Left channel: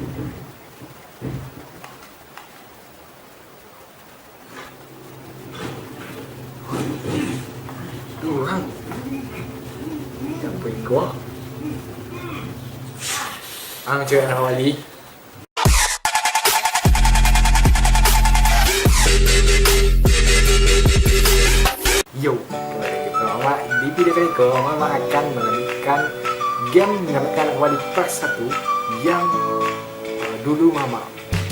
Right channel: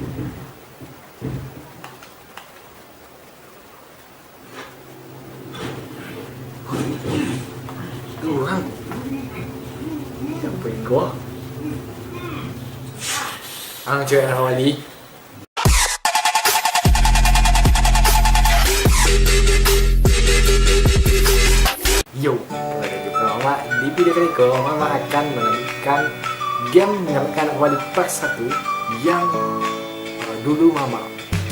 Durang. Siapa iko? Ang cewek Wali. Yo, kembali lagi bersama Mama. Di video kali ini Mama akan melanjutkan game mendapatkan Wali part 1 yang dulu Mama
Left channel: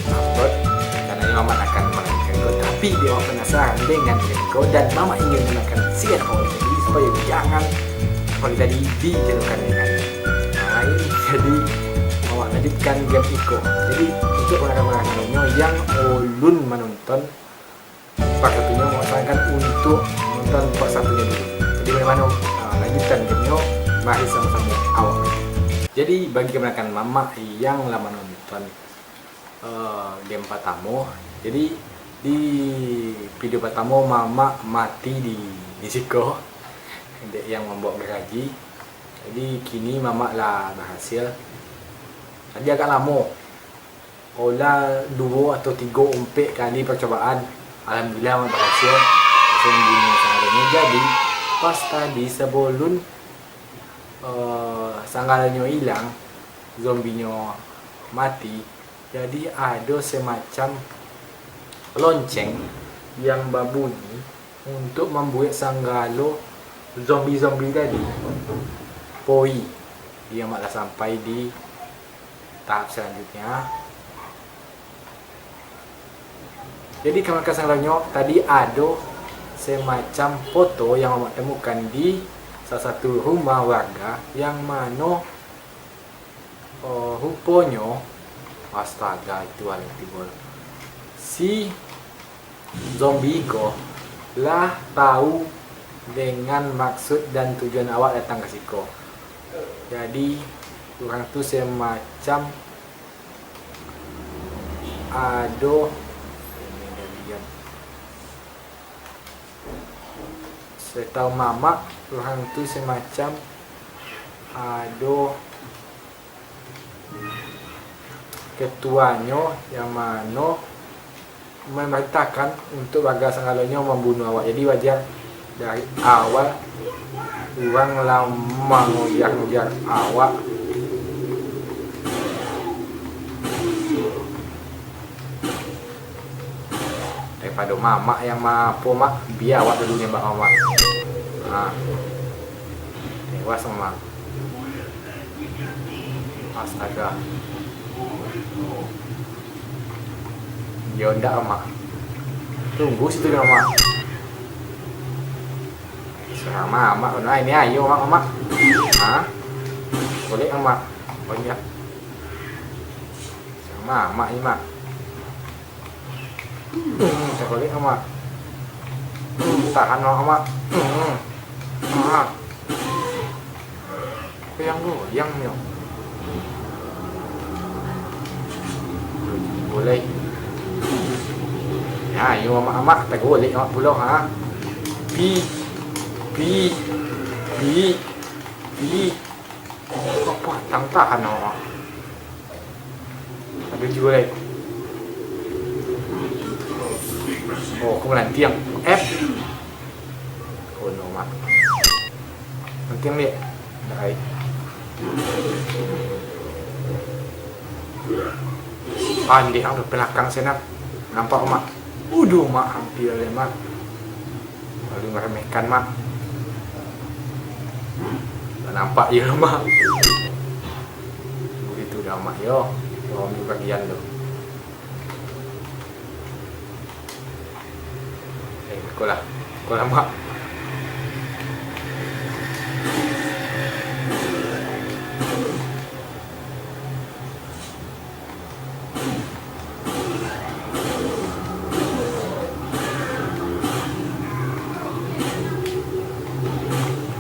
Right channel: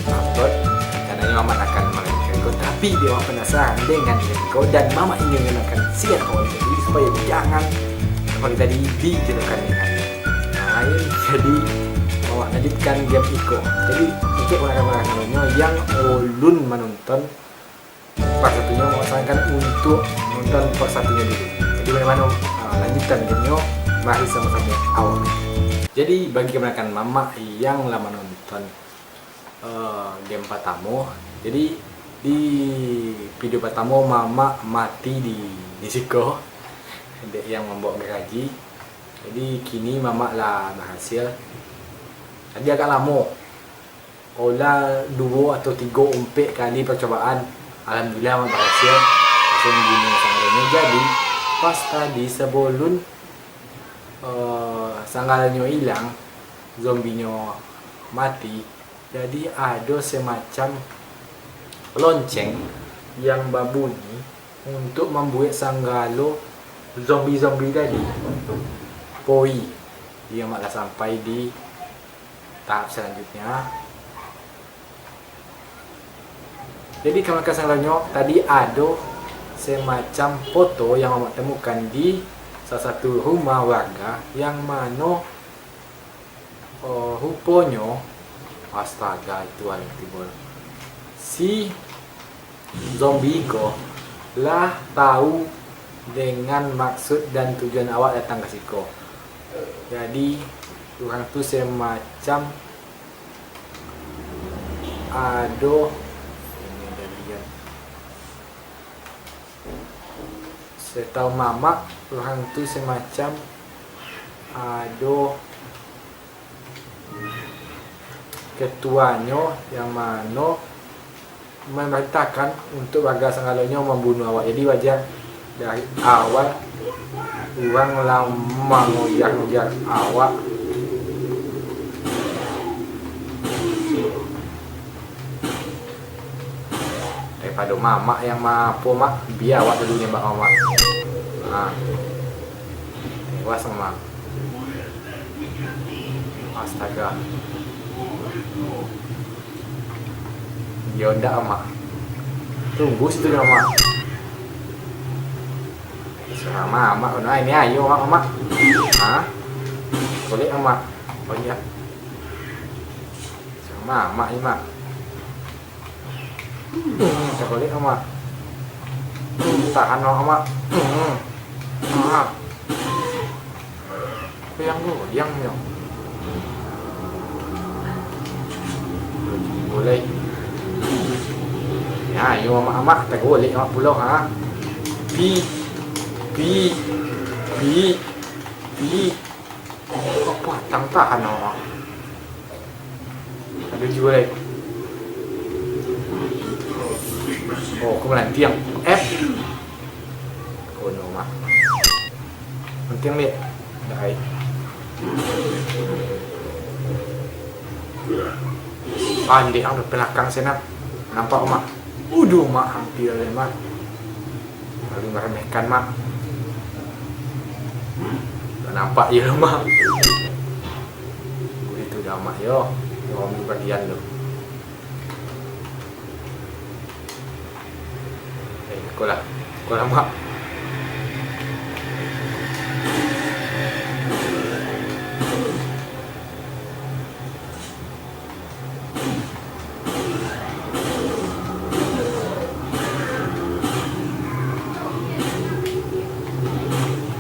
upload. Karena Mama akan melanjutkan Go, tapi dia penasaran dengan game Go dan Mama ingin menekan siar Wali tadi supaya jangan Wali tadi dijatuhkan dengan lain. Jadi Mama lanjutkan game Iko. Jadi untuk rekan-rekannya yang ulun menonton part satunya, mau sarankan untuk nonton part satunya dulu. Jadi bagaimana lanjutan gamenya, mari sama-sama awal. Jadi bagi kebanyakan Mama yang lama nonton game pertama, jadi di video pertama Mama mati di Nisiko yang membawa geraji. Jadi kini Mama lah berhasil. Tadi agak lama, olah 2 atau 3 umpik kali percobaan. Alhamdulillah Mama berhasil sembunyi sanggalanya. Jadi pas tadi sebelum sanggalanya hilang, zombinya mati, jadi ada semacam lonceng yang berbunyi untuk membuat sanggalo zombie-zombie tadi poi. Dia malah sampai di tahap selanjutnya. Jadi kawan-kawan sanggalanya tadi ada semacam foto yang Mama temukan di salah satu rumah warga yang mana rupanya astaga itu hal yang timbul si zombie ko lah tahu dengan maksud dan tujuan awak datang ke siko. Jadi orang tu semacam ada setahu Mama, orang tu semacam ada ketuanya yang mana memerintahkan untuk warga sanggalanya membunuh awak. Jadi wajar dari awal orang lama ngoyak-ngoyak awak. Daripada Mama yang mampu mak, biar awak dulunya mbak Mama. Nah, tewas Mama. Astaga. Ya ndak Mama. Tunggu situ Mama. Suara Mama, nah ini ayo Mama. Hah? Boleh Mama. Oh iya. Suara Mama ini Mak. Tak boleh Mama. Tahan Mama. Goyang yo. Boleh. Ya, yo Mama, tak boleh Mama pulau ha. Pi. Apa tang tahan Mama. Ada juga lagi. Oh, kemudian tiang F. Oh no Mak. Penting ni. Dah. Andi ang belakang sana. Nampak Mak? Uduh Mak, hampir le Mak. Lalu meremehkan Mak. Tak nampak je Mak. Begitu dah Mak yo. Yo ambil bagian tu. Sekolah Mak.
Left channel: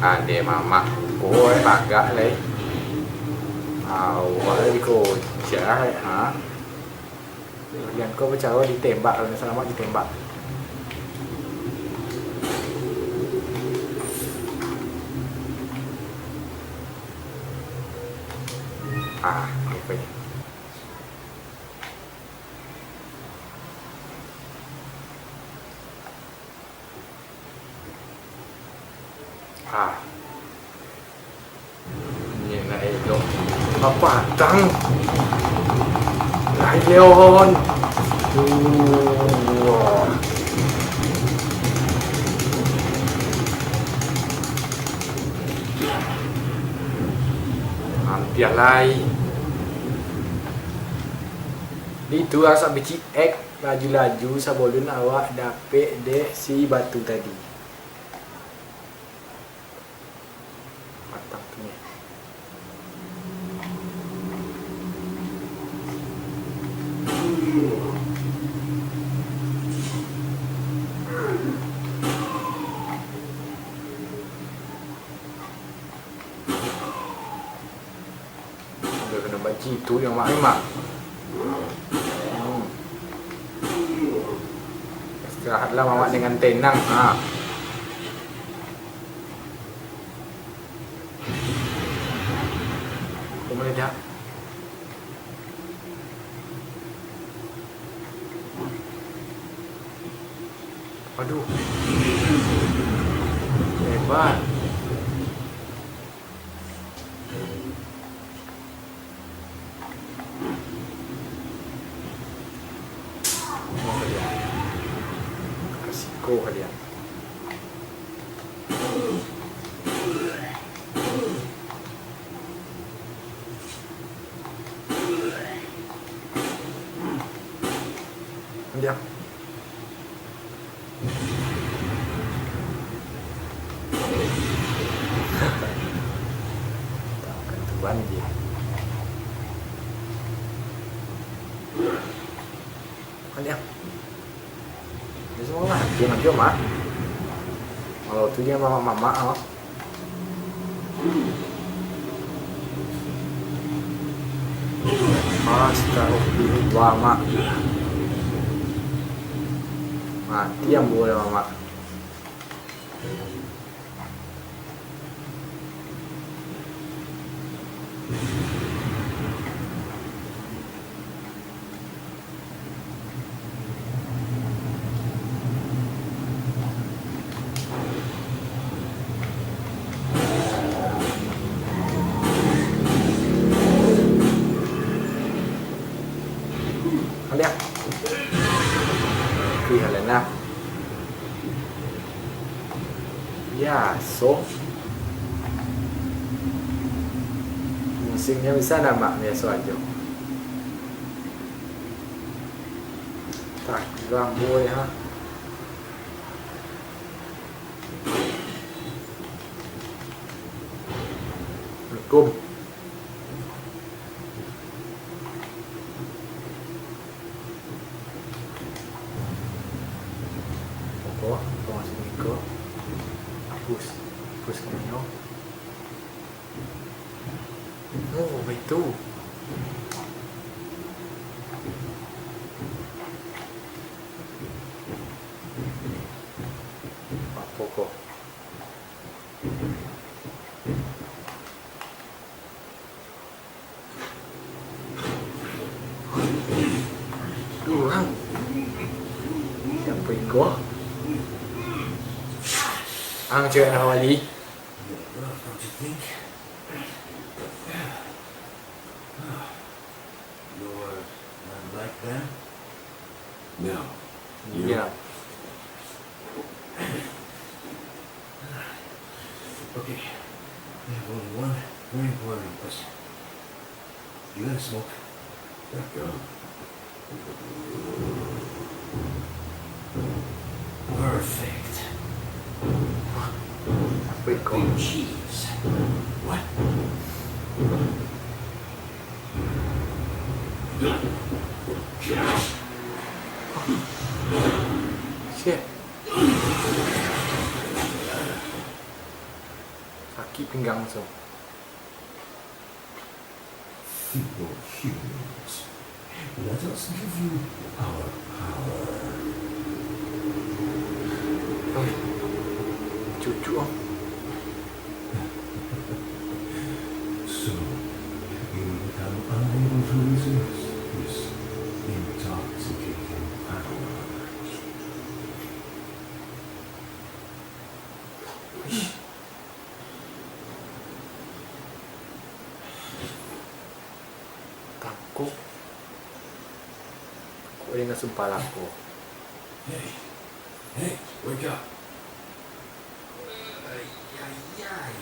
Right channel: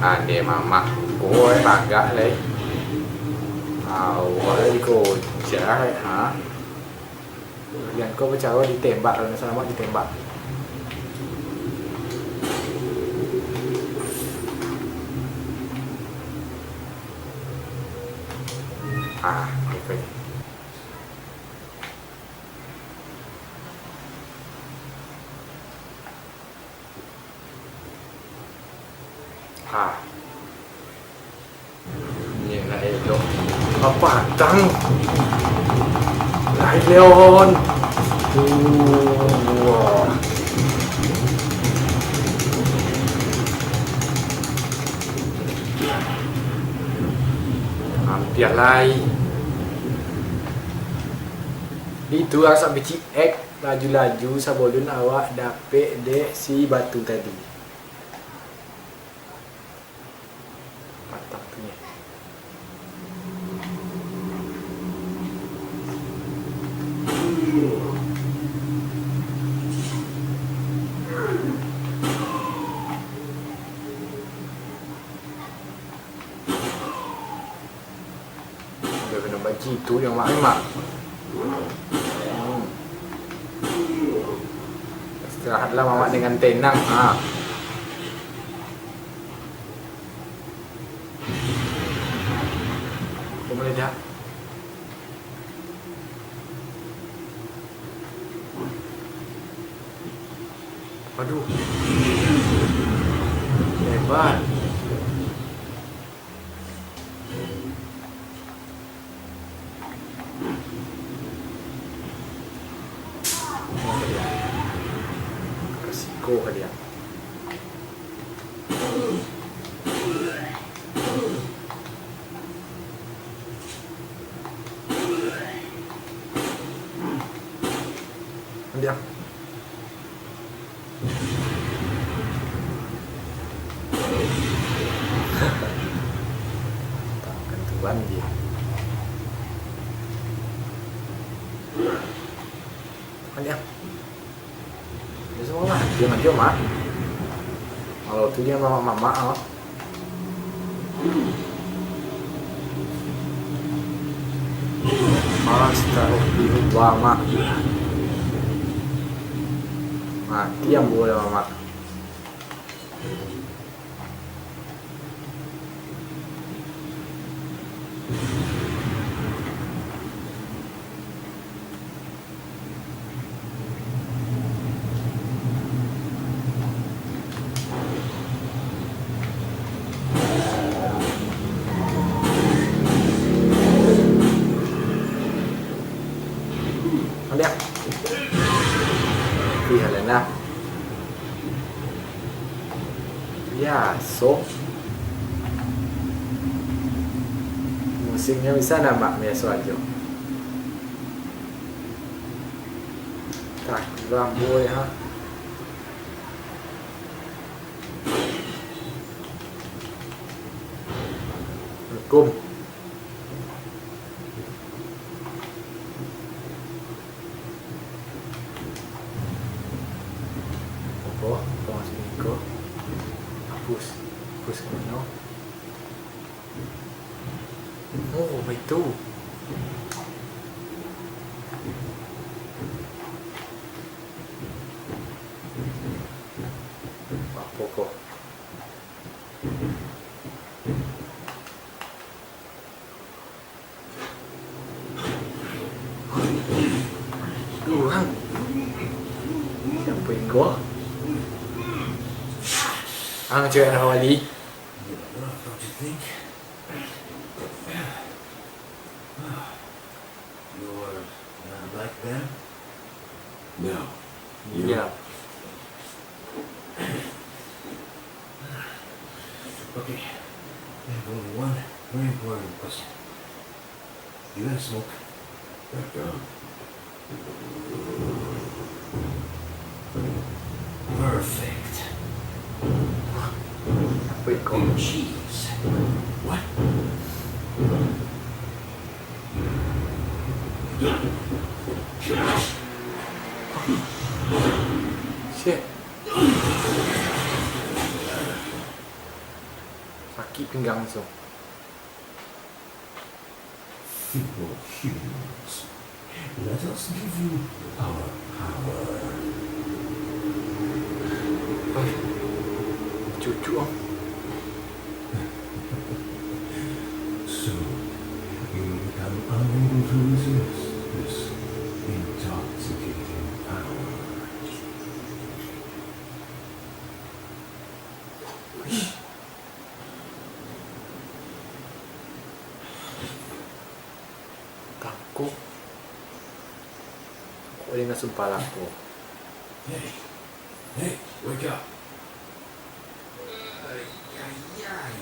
Ade Mama, ôi bangga lấy. Awak dikocak ha. Kemudian kau bercara ditembak, kalau selamat ditembak. Okay. Ah, ni nak elok. Apa tang? Lai Leon. Wah. Hampir lai. Itu asap beci X laju-laju sebelum awak dapet dek si batu tadi. Patang tu ni. Dia kena baci tu yang mak. Istirahatlah mamak dengan tenang. Ha. Kau meledak. Aduh. Hebat. Kasih kalian. Dia. Tahu kan tuan dia. Dia. Dia semua lah. Dia mak. Kalau tu dia mama. Astagfirullah mak. Mati yang boleh mama. Dia. Helena. Ya, so musiknya bisa nama biasa aja. Tak ramai ha. Assalamualaikum. Kau masih nikah. Hapus ke mana? Oh, baik tu. Apa kau? Orang. Siapa ikut? Cewek nak wali. Don't you think? You're not like them? No. Yeah. Okay. I have only one very important question. You gotta smoke? Go. Perfect. Apa ikut? Cheese. What? Shit. Sakit pinggang langsung. Feeble humans. Let us give you our power. Cucu om. Soon, you will become unable to resist this intoxicating power. Bangkok. Kok dengan sumpah laku. Hey, hey, wake up. Ay, ay, ay.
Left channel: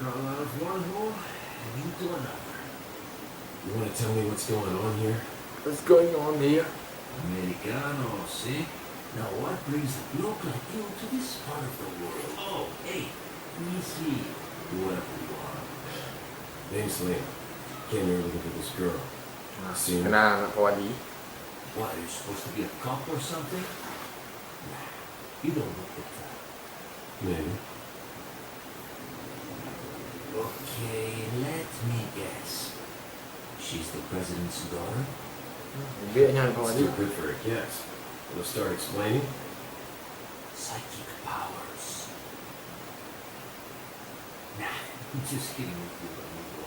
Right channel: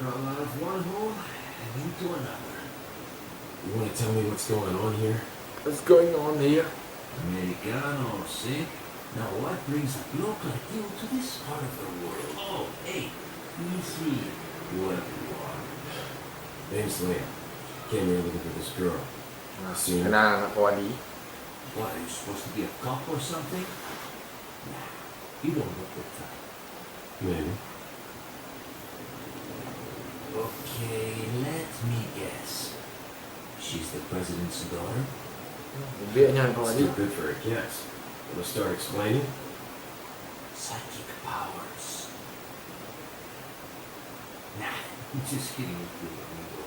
Crawl out of one hole and into another. You want to tell me what's going on here? What's going on here? Americano, see? Now what brings a bloke like you to this part of the world? Oh, hey, easy. Whoever you are. Name's Lena. Came here looking for this girl. Nah, Senior. kenal anak Wadi. What, are you supposed to be a cop or something? Nah, you don't look the type. Maybe. Okay, let me guess. She's the president's daughter? Biaknya anak Wadi. Still good for a guess. Want to start explaining? Psychic powers. Nah, I'm just kidding with you, amigo.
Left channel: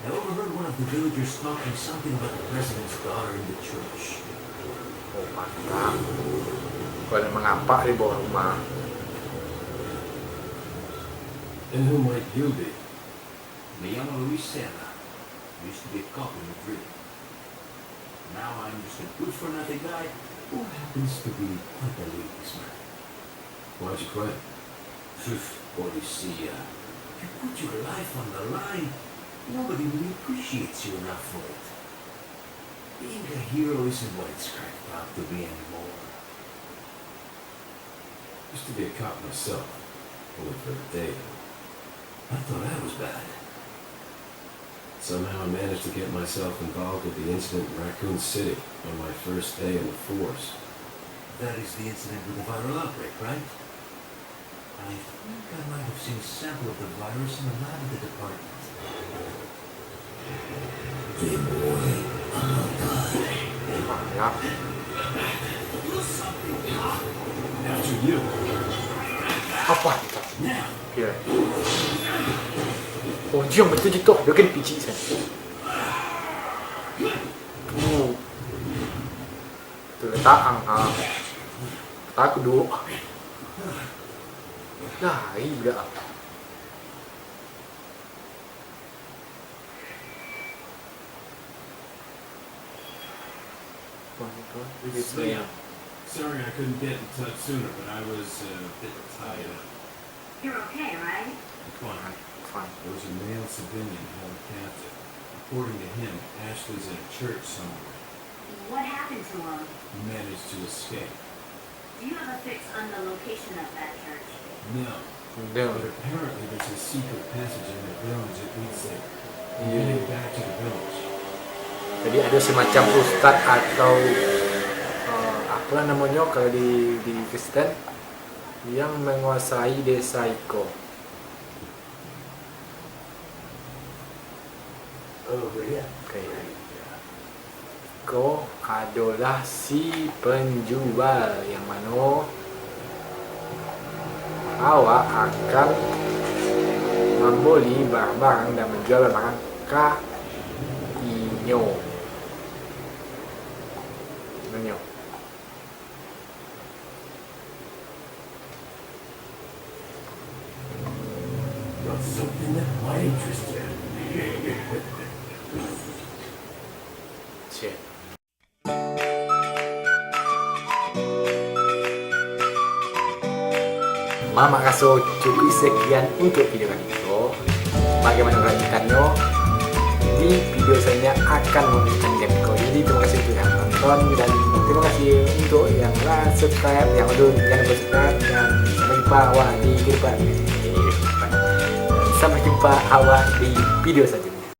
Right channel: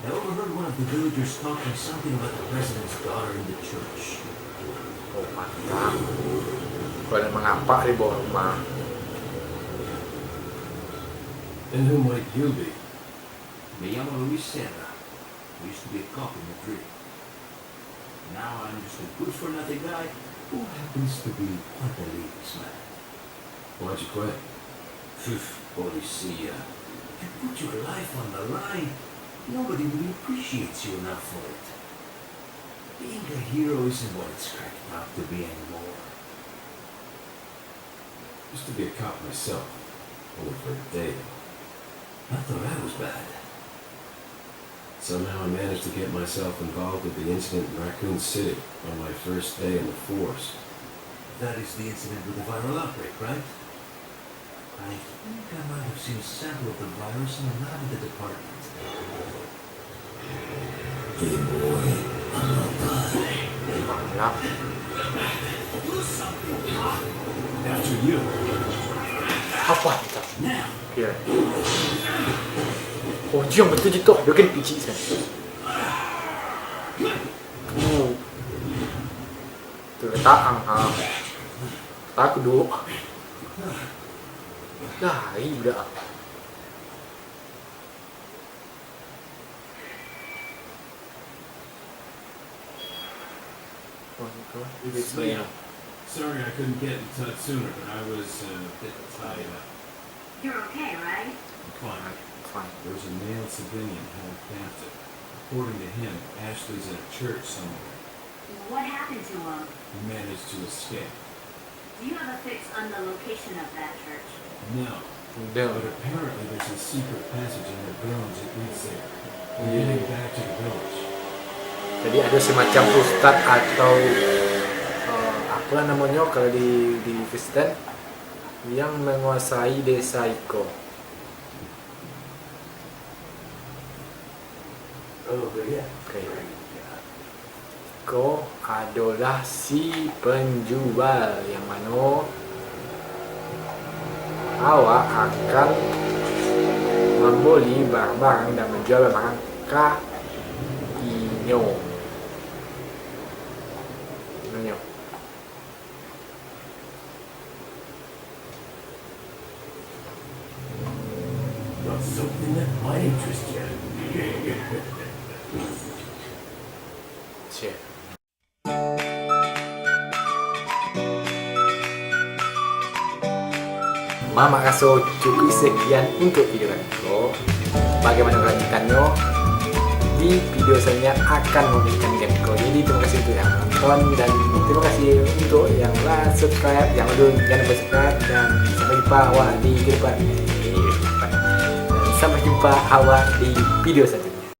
I overheard one of the villagers talking something about the president's daughter in the church. Oh mantap. Kau ada mengapa di bawah rumah? And who might you be? Me llamo Luis Serra. I used to be a cop in Madrid. Now I'm just a good-for-nothing guy who happens to be quite a ladies' man. Why'd you quit? Policia. You put your life on the line. Nobody really appreciates you enough for it. Being a hero isn't what it's cracked up to be anymore. Used to be a cop myself. Only for a day, though. I thought I was bad. Somehow I managed to get myself involved with the incident in Raccoon City on my first day in the force. That is the incident with the viral outbreak, right? I think I might have seen a sample of the virus in the lab at the department. Hey boy, I'm not done. Mantap. After you. Apa kita? Now. Here. Oh, dia betul je tu. Dia kena picit sana. Tu letak ha. Tak aku duduk. Dah, ini budak. It's Leo. Sorry I couldn't get in touch sooner, but I was a bit tied up. You're okay, right? I'm fine. Fine. There was a male civilian held captive. According to him, Ashley's in a church somewhere. What happened to him? He managed to escape. Do you have a fix on the location of that church? No, Dia. but apparently there's a secret passage in the village that leads there. I'm heading back to the village. Jadi ada semacam ustaz atau apa namanya kalau di Kristen yang menguasai desa Iko. Oh, yeah. Okay. Iko adalah si penjual yang mana awak akan membeli barang-barang dan menjual barang Inyo. Inyo. Got something that might interest you. Cik. Mama rasa cukup sekian untuk video kali ini. Bagaimana kelanjutannya? Di video selanjutnya akan memberikan game ko. Jadi terima kasih untuk yang nonton dan terima kasih untuk yang subscribe, yang belum jangan lupa subscribe dan sampai jumpa awak di video selanjutnya. Sampai jumpa awak di video selanjutnya.